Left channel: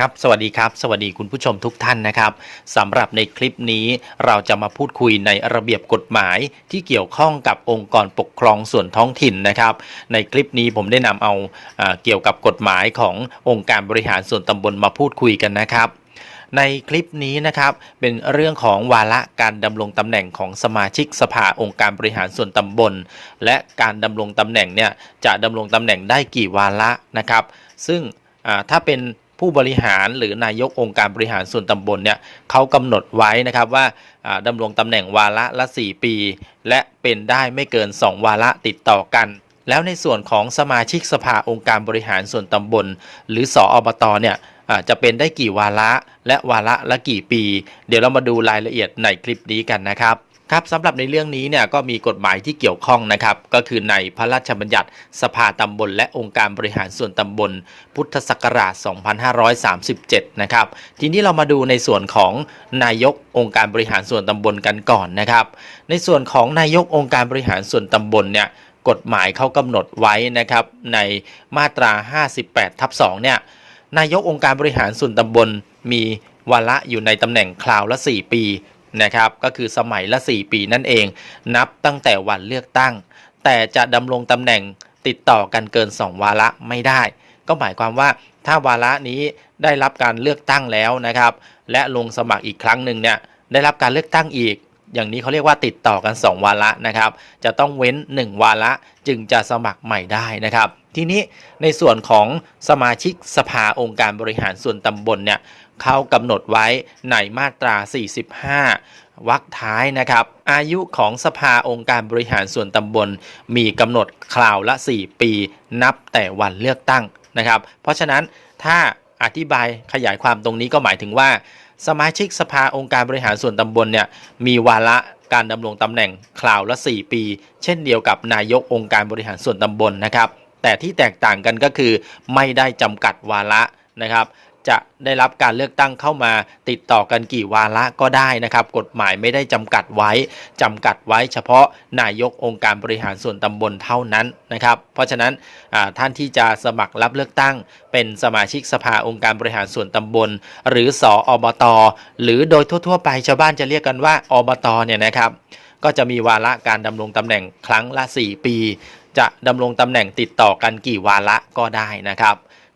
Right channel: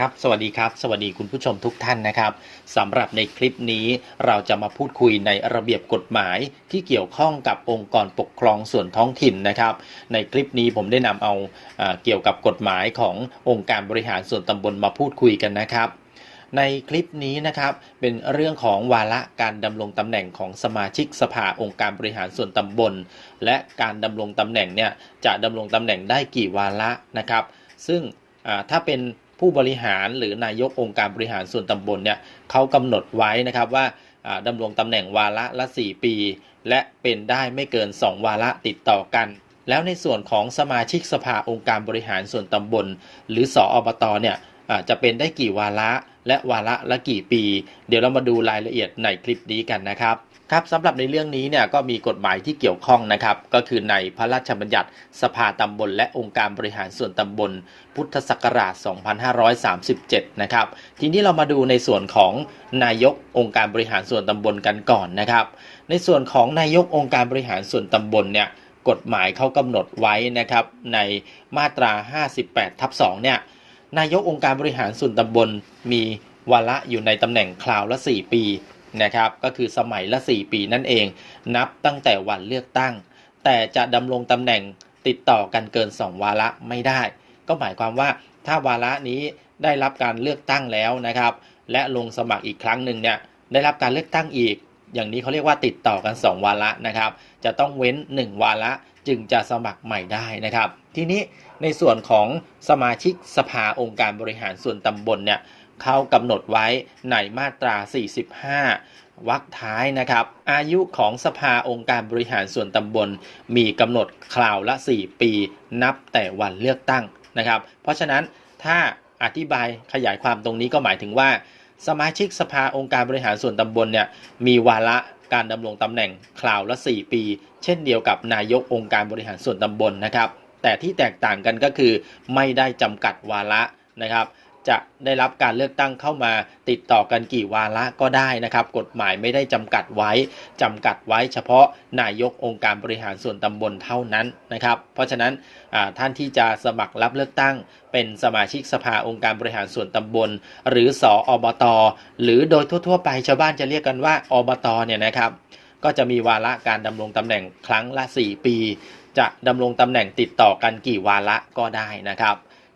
ครับสวัสดีครับ สวัสดีคุณผู้ชมทุกท่านนะครับสำหรับในคลิปนี้เราจะมาพูดคุยในระเบียบกฎหมายที่เกี่ยวข้องกับองค์กรปกครองส่วนท้องถิ่นนะครับ ในคลิปนี้ผมได้นำเอาอ่าเกี่ยวกับกฎหมายขององค์การบริหารส่วนตำบลมาพูดคุยกันนะครับในคลิปนี้นะครับเป็นเรื่องของวาระการดำรงตำแหน่งของสมาชิกสภาองค์การบริหารส่วนตำบล และการดำรงตำแหน่งเนี่ยจะดำรงตำแหน่งได้กี่วาระนะครับ ซึ่งถ้าเป็น ผู้บริหารหรือนายกองค์การบริหารส่วนตำบลเนี่ยเขากำหนดไว้นะครับว่าดำรงตำแหน่งวาระละ 4 ปี และเป็นได้ไม่เกิน 2 วาระติดต่อกัน แล้วในส่วนของสมาชิกสภาองค์การบริหารส่วนตำบล หรือสออบตเนี่ยจะเป็นได้กี่วาระและวาระละกี่ปี เดี๋ยวเรามาดูรายละเอียดในคลิปนี้กันนะครับ ครับสำหรับในเรื่องนี้เนี่ยก็มีกฎหมายที่เกี่ยวข้องนะครับ ก็คือในพระราชบัญญัติสภาตำบลและองค์การบริหารส่วนตำบล พุทธศักราช 2537 นะครับ ทีนี้เรามาดูในส่วนของนายกองค์การบริหารส่วนตำบลกันก่อนนะครับ ในส่วนของนายกองค์การบริหารส่วนตำบลเนี่ยกฎหมายเขากำหนดไว้นะครับ ในมาตรา 58ทับ2เนี่ยนายกองค์การบริหารส่วนตำบลมีวาระอยู่ในตำแหน่งคราวละ 4 ปี นะครับก็คือสมัยละ 4 ปีนั่นเอง นับตั้งแต่วันเลือกตั้ง แต่จะดำรงตำแหน่งติดต่อกันเกิน 2 วาระไม่ได้ ก็หมายความว่าถ้าวาระนี้ได้รับการเลือกตั้งแล้วนะครับ และลงสมัครอีกครั้งหนึ่งเนี่ยได้รับการเลือกตั้งอีก อย่างนี้เขาเรียกว่าติดต่อกัน 2 วาระนะครับ จะต้องเว้น 1 วาระจึงจะสมัครใหม่ได้นะครับ ทีนี้ในส่วนของสมาชิกสภาองค์การบริหารส่วนตำบลเนี่ยเขากำหนดไว้ในมาตรา 45 วรรคท้ายนะครับ อายุของสภาองค์การบริหารส่วนตำบล มีกำหนดคราวละ 4 ปี นับแต่วันเลือกตั้งนะครับ เพราะฉะนั้นถ้าอธิบายขยายความตรงนี้ก็หมายถึงว่า สมาชิกสภาองค์การบริหารส่วนตำบลเนี่ยมีวาระการดำรงตำแหน่งคราวละ 4 ปี เช่นเดียวกับนายกองค์การบริหารส่วนตำบลนะครับ แต่ที่แตกต่างกันก็คือไม่ได้จำกัดวาระนะครับ จะได้รับการเลือกตั้งเข้ามาติดต่อกันกี่วาระก็ได้นะครับ กฎหมายไม่ได้จำกัดไว้จำกัดไว้เฉพาะนายกองค์การบริหารส่วนตำบลเท่านั้นนะครับ เพราะฉะนั้นท่านที่จะสมัครรับเลือกตั้ง เป็นสมาชิกสภาองค์การบริหารส่วนตำบล หรือสออบตหรือโดยทั่ว ๆ ไปชาวบ้านจะเรียกกันว่าอบตเนี่ยนะครับก็จะมีวาระการดำรงตำแหน่งครั้งละ 4 ปี จะดำรงตำแหน่งติดต่อกันกี่วาระก็ได้นะครับ